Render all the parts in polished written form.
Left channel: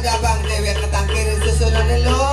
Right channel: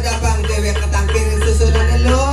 Jabang dewek ketangkir susunan lo.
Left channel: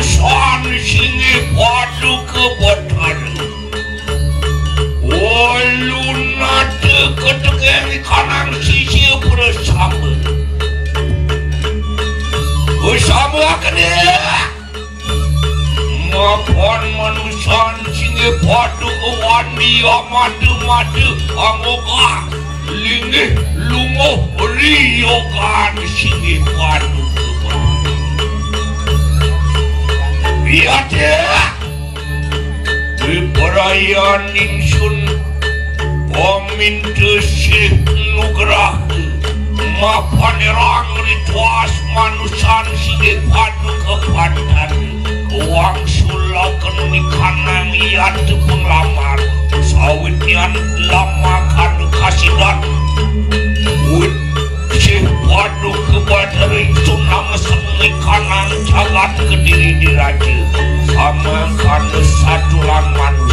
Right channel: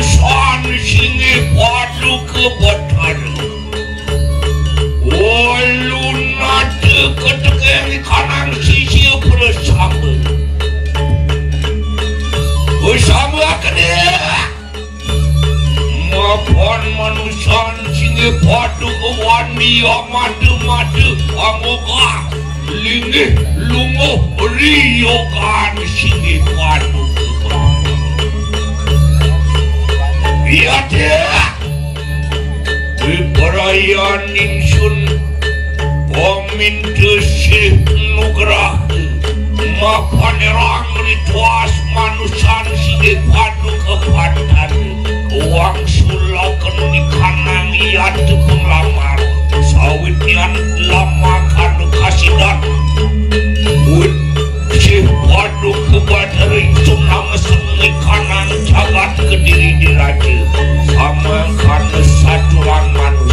manusan singe padu ke Bhatari. Waluna deket-deket kanang sisi bersama. Bersama kene. Mapan manusan singe padu ke wani madu-madu amoga. Linggih lungo riyokan singe padu ke Bhatari. Biade perayaan insun pemintu Sih Nugrah mapanerang rituas manusan singe padu ke Bhatari uang sulakan di kanang iat penglamar sawitnya lama kanu kasidan wit Sih padu ke Bhatari sunam sengi kanang jagat Kediri diraja sama kanu satulan manusia.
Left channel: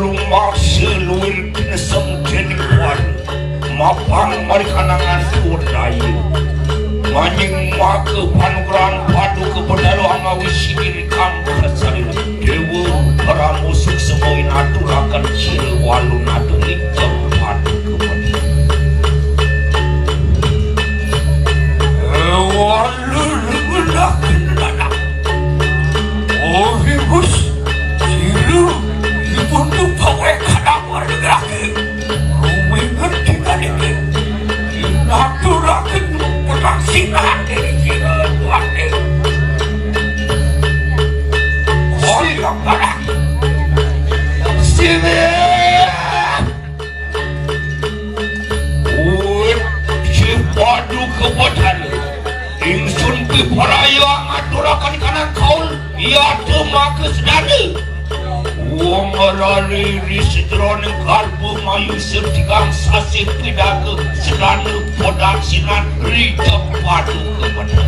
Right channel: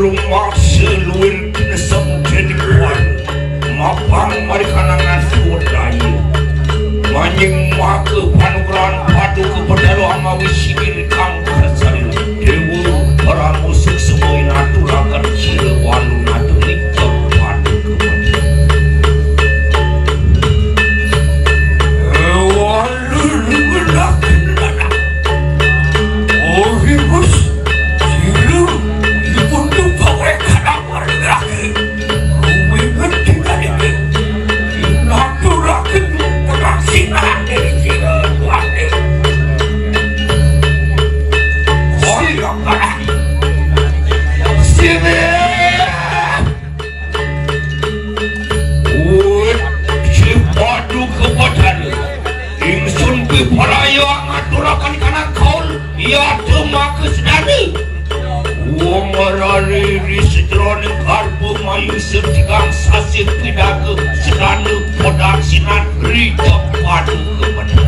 rumah seluir kinesem jadi kuat mapang mari kanangan iya tuh makas dani uang merari di sejroning karbu mayu setikang sasih pidaku senanu podang sinan rita padu kepada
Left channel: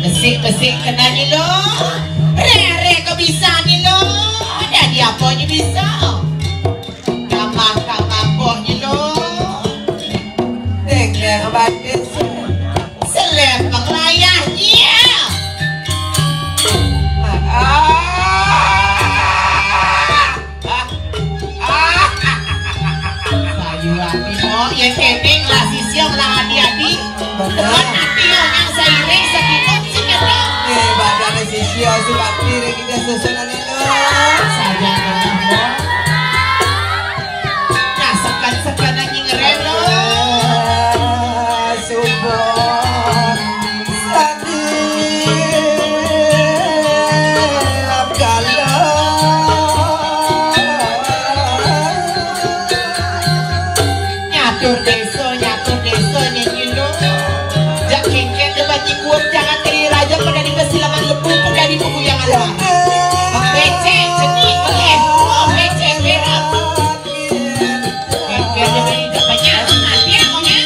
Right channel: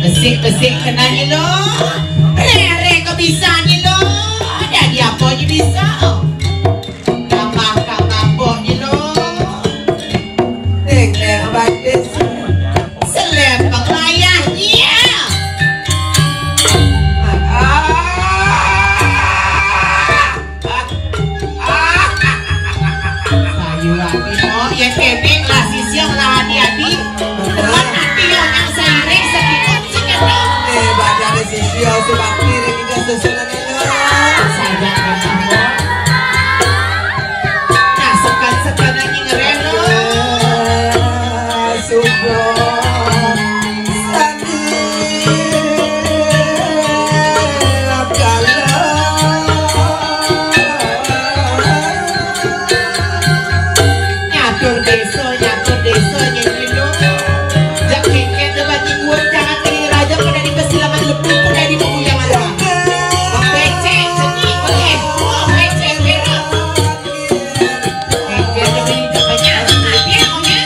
Besik-besik kena ni lo. Lere ke bisa ni lo. Jadi apa je bisa. tadi raja pada di persilangan lepuk pada di pemuda malah. Pece cenik boleh. Pece merah. Ikan ini banyak sebenarnya punya.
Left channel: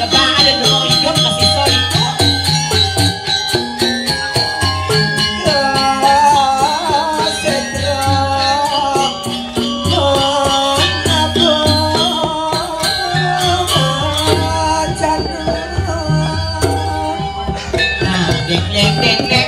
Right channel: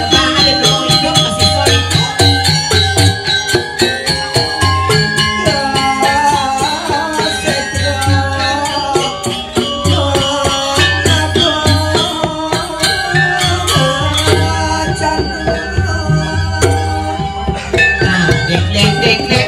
Lebaran itu hidup masih soi. Dek.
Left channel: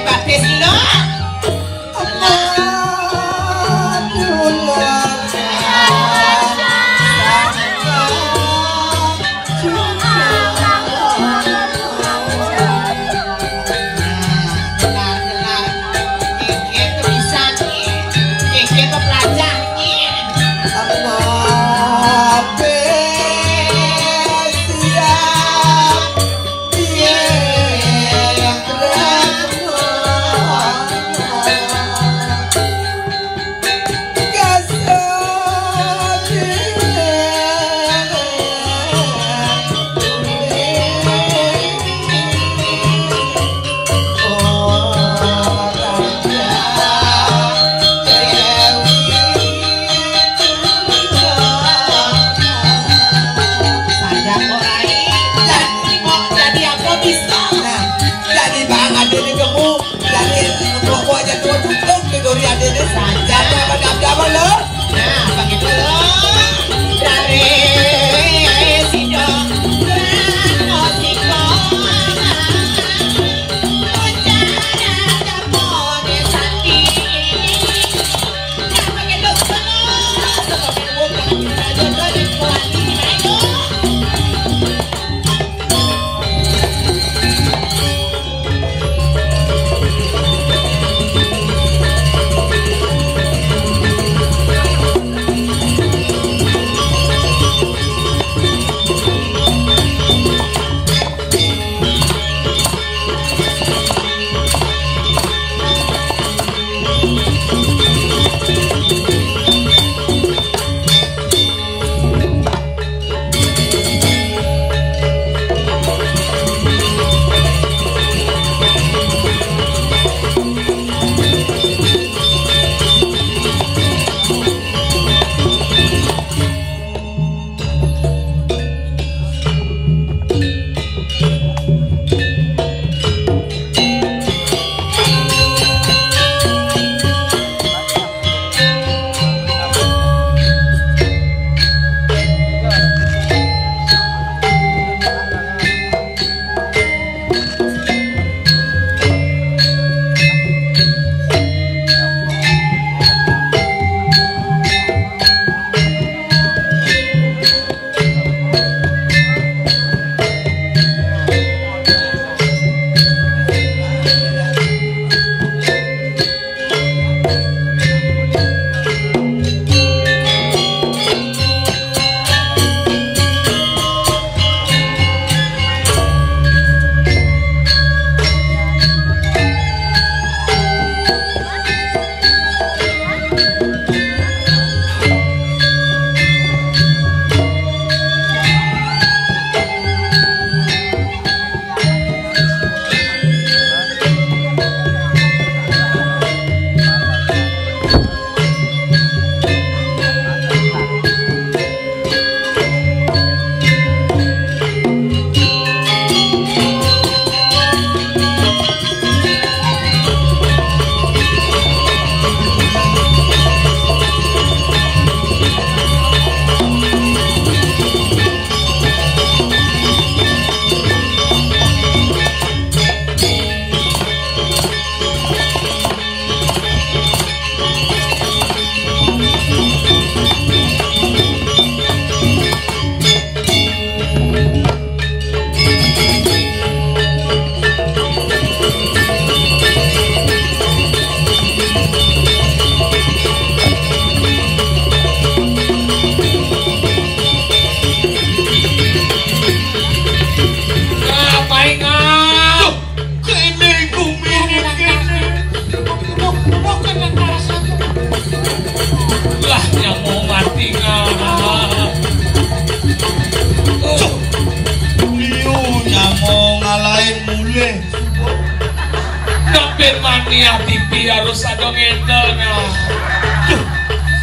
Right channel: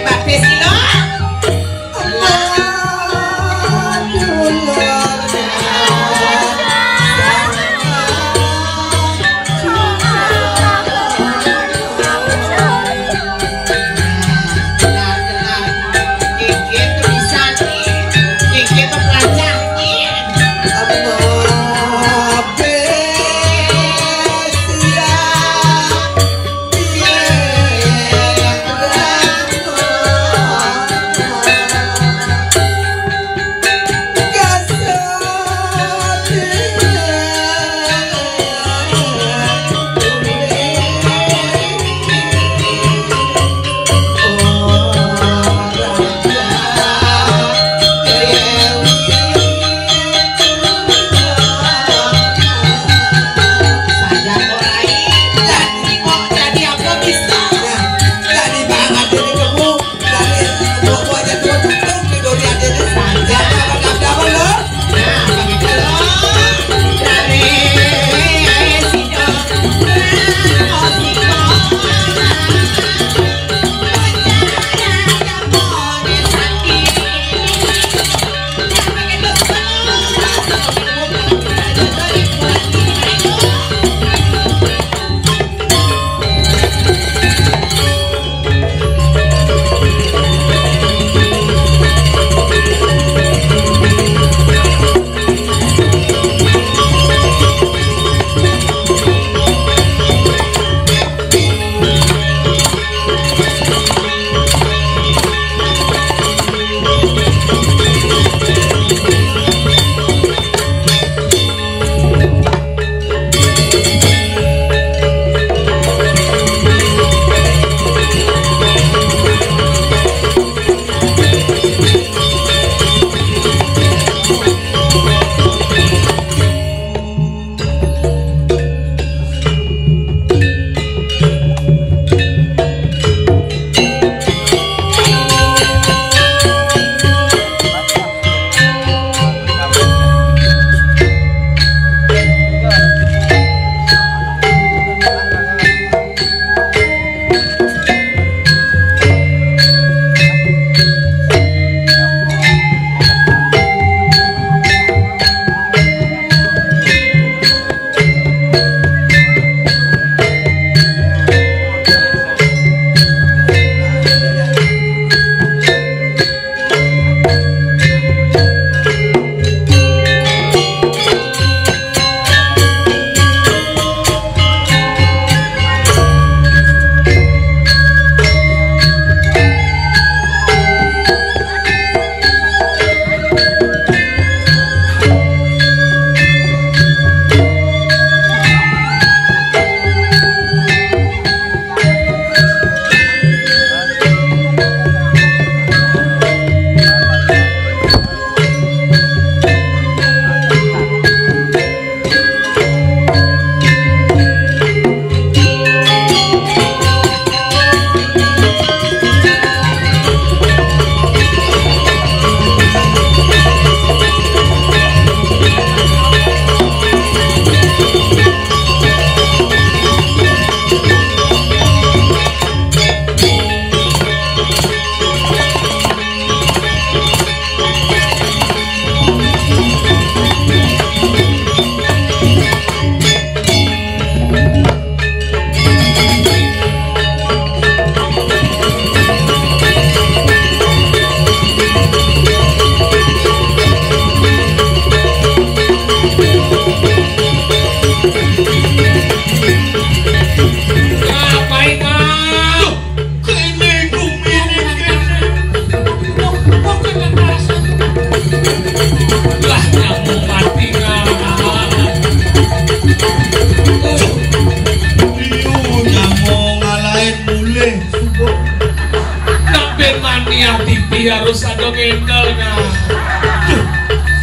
Dia harus ada ngendal nah.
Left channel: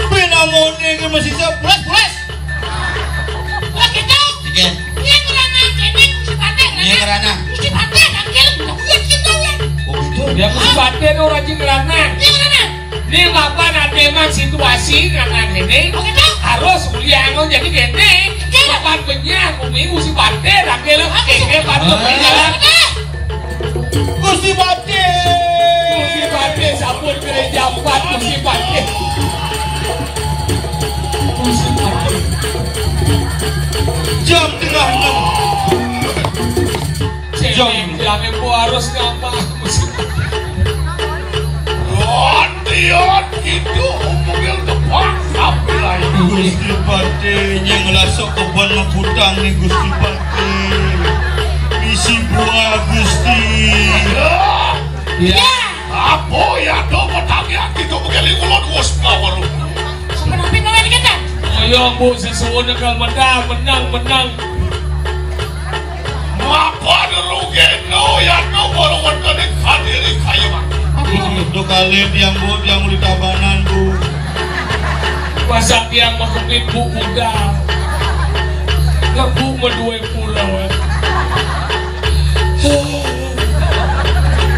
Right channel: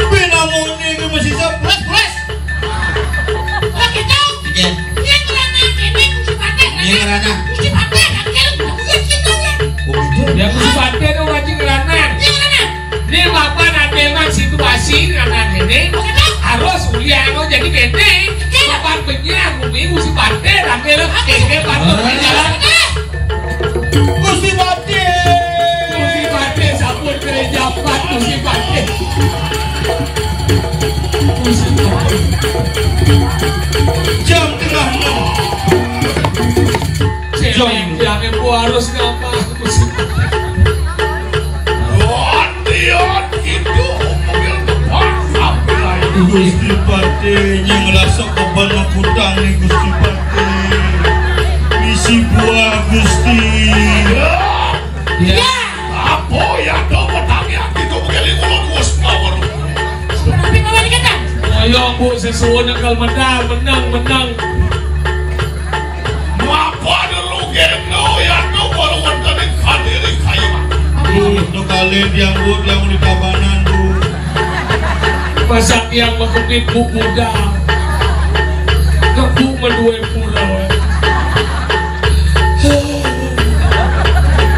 Penamone iki mesti seplet. Lah kita. Iya. Yang ngerana kene mesti paten. Iya ngerana. Mesti paten angkel. Oh gitu. Ya mesti paten ora ngerana. Ini apa nanti emang situasi anak ini harus kuliah mau jadi gede. Kapan penyiar bumi mesti paten angkel. Kene patut jalan. Mesti paten. Sampun kene jabat mesti paten. Jam tengah 6. Cewek jangan ku harus ngapa mesti paten. Itu umurnya tepat sampai Gusti Pate yang lasak kebanyak hutang nih Gusti Pate. Isi buah Gusti. Ya. apa ya tuh petangnya itu begini ngomong gue semua Tapi malah dikata. Ayo bu sesuatu kalau menang. apa dulu gitu ya tuh baru bertanding hadiri kayak Itu Kaler yang di kabanan bu. Masak yang mengkepit buku dah. Kebu medue pulau.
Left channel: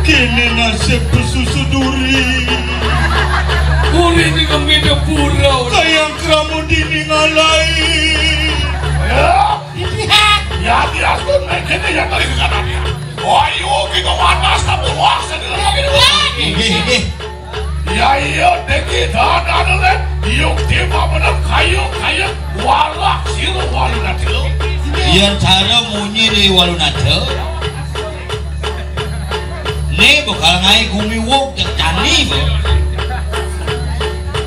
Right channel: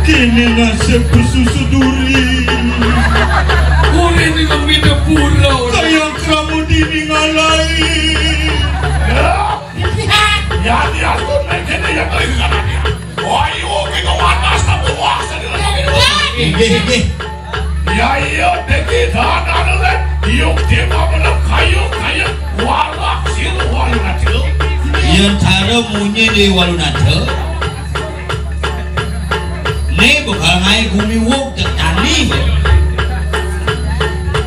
Kini nasib susu duri. Uri dengan minum pulau. Kayak kamu diningalai. ya dia tuh mungkin yang kali dengannya wah iyo kita wanas tapi wah sedih ya iya teki tanah dulu yuk tiba menang kayu walak silu walu najo Yang cara munyi di walunajo. Ini bakal ngai kumi wuk tekani.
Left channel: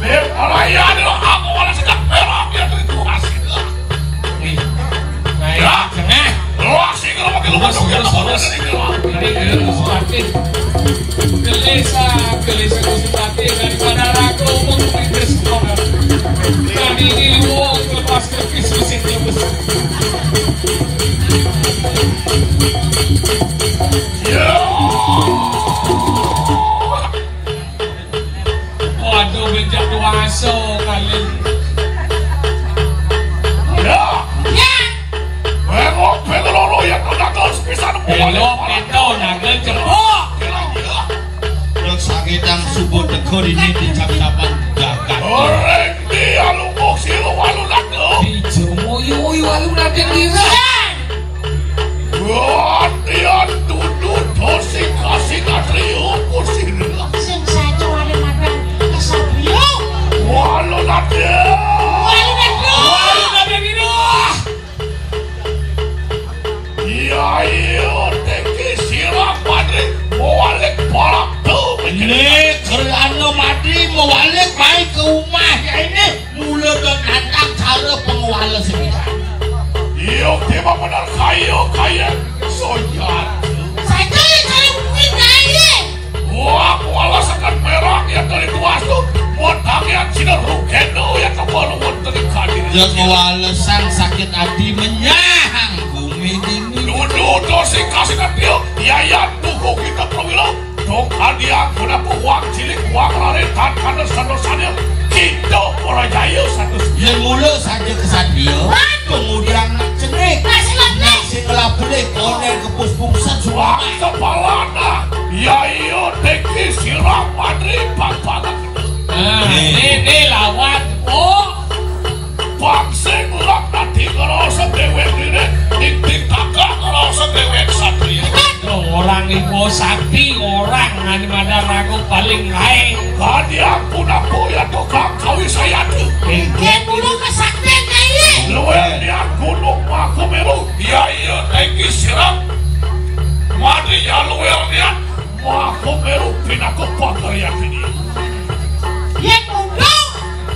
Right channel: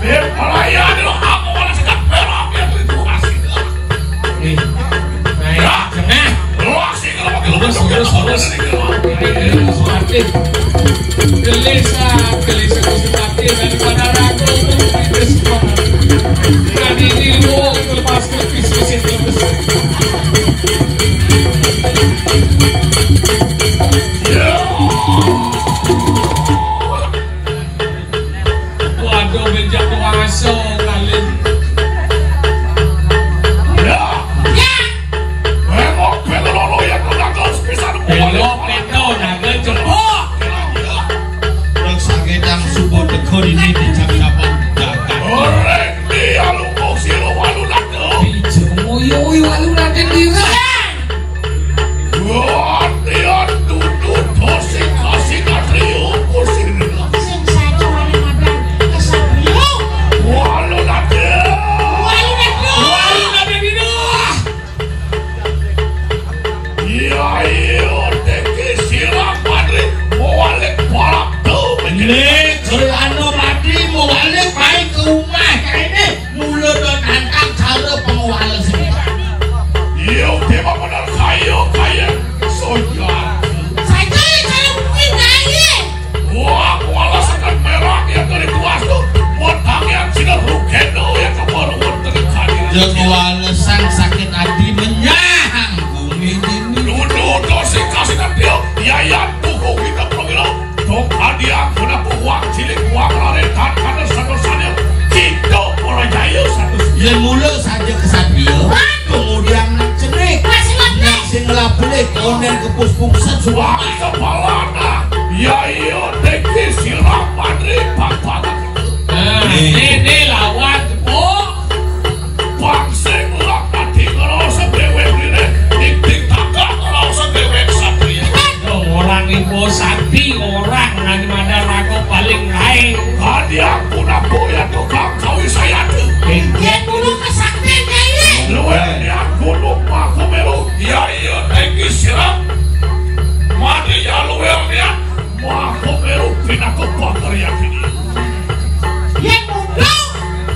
berparaya adalah aku malah sedang perak yang itu hasil ya wah sih kalau Terus. Ini sakit. Gelesa mesti mati daripada aku mengikuti semua. Tadi ini mau lepas ke bisnis. ya Waduh menjatuh aso kali. ya memang pelolo yang menangkal sebesar Belok itu naga cepok. Orang sakitang subuh tekor ini di cakapan. orang dia lumpuk silu walu najo Uy, walu naga dira. wah dia tutut tosi kasih katrio pusing Sing saja wae madan. Kesabio. walu najo Walu nado. Walu naga dira. iya teki silang Madri mau balik pola tuh Ini kalau mati mau balik baik ke rumah ini mulai menantang cara pengelolaan sendiri. iya tiba benar kayu sojan Saja cara mungkin aja. wah wala sekan merah yang dari tuas tuh potang yang sudah rukendo yang kebaruan terikani Joko alasan sakit hati menyahang bumi ini. duduk dosi kasih nanti biaya buku kita perwira tongkat dia guna buang cilik buang laretan kader satu-satunya kita mulai jaya satu-satunya Yang mulut saja kesadio. Kemudian cenik. Nasi ngelapulih konen kepus-pusan Wah semua. kepalana ya iya teki silang Madri pantangan Ini lawan oh. pangsing ulang nanti kalau sedewe ini tik-tik takak kalau sedewe satria Orang ibu sakti orang nanti mana lagu paling lain. tadi aku napo ya tukang kawi saya tuh Yang dulu kesaktian jaya. luwe aku lupa kemeru ya iya teki silang Madri ya luwe niat wah kemeru pinaku pakar yang ini Yang muda.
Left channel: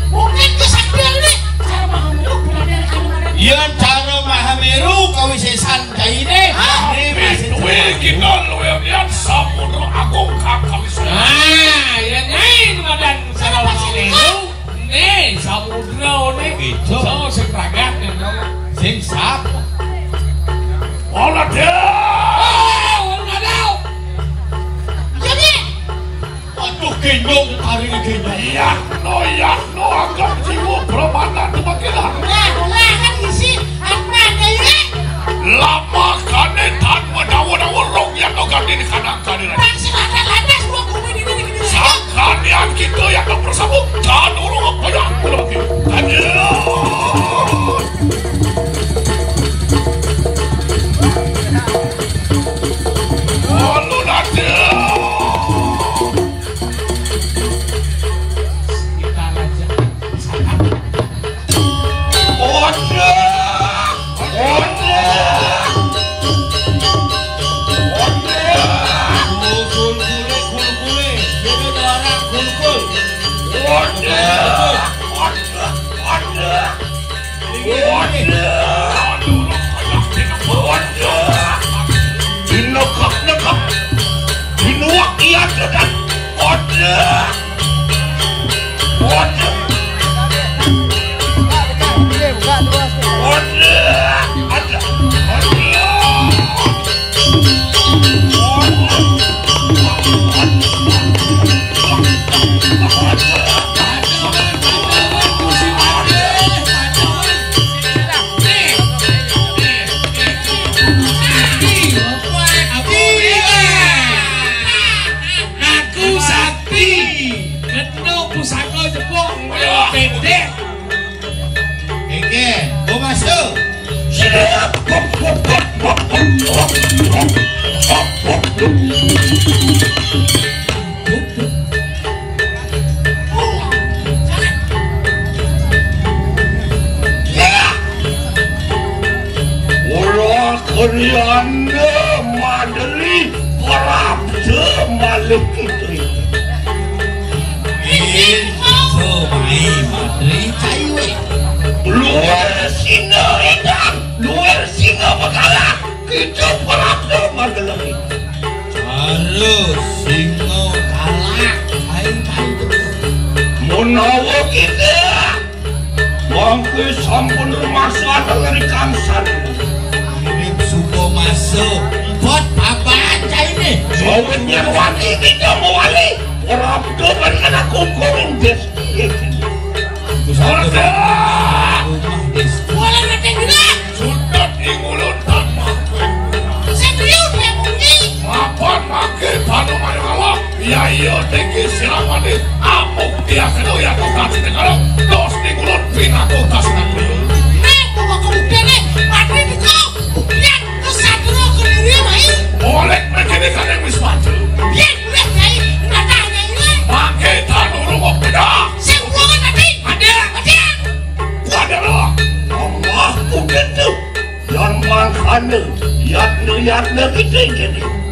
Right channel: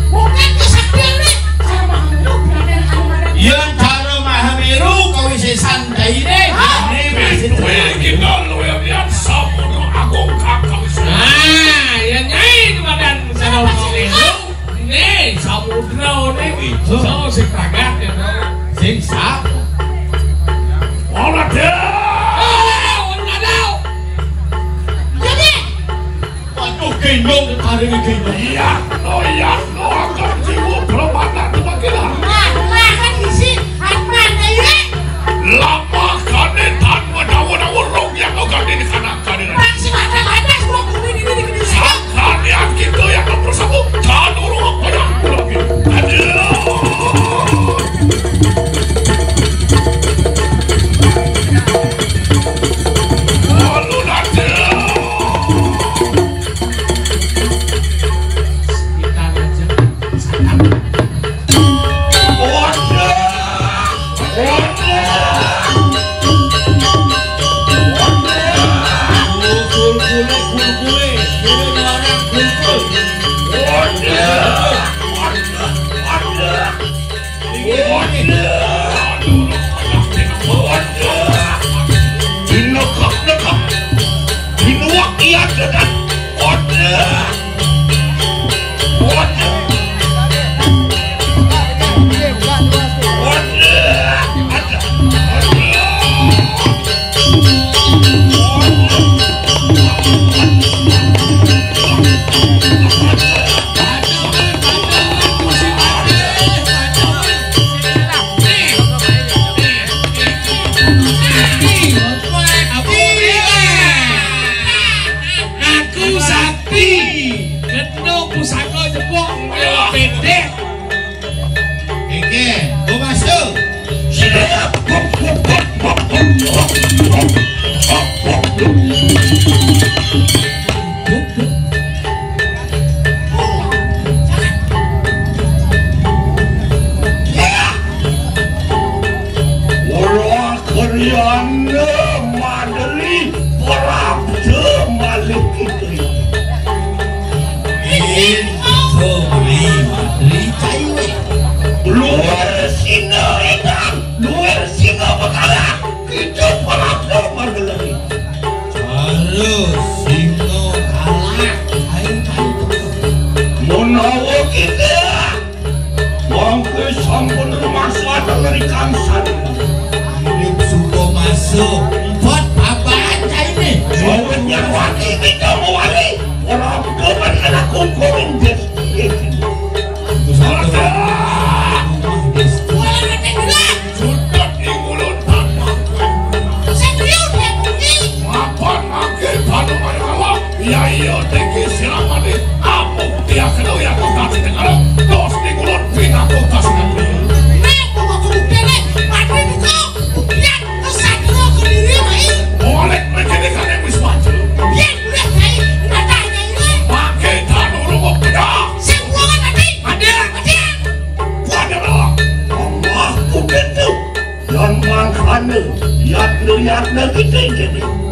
Bukan kesaktian ni. Cara mahameru berada di madan. Yang cara mahameru kau isi santai ini. Ini masih luwe kita luwe niat samudra agung kakak saya Ya nyai badan sama Magelah. Nih samudra ini gendong ada di gendong. Iya, lo agak jiwa Pramada tu bagilah. Nah, kan isi apa deh? Lama kane tanpa dawa-dawa rong yang kau ganti di kanan kane. Masih ada sebelum ini. Sangkan yang kita yang tak bersama, jangan urung apa yang aku lagi. Lalu nanti. Madri Pramada Madri caiwe luar singa ikan luar singa bakalan kita Pramada lagi harus singa kalah kain-kain menawa kita mangke sampun rumasa dari kamsan hidup suko masuk buat apa aja ini jawabnya wali kita mau wali orang keman anak kumpulin des sudah sudah di mulut tamak serius ya bunyi apa makin panu manukawa ya iya tinggi silakan apa dia kedua yang kota sekarang dos di mulut pindah kota sekarang mau kemudian Madri buka buktian kesadro kediri main boleh menjadikan yang wismaju biar boleh saya menatanya ini pakai tanur mau beda saya buangan nanti ada loh Allah udah tuh dan mangkana yatna kita jadi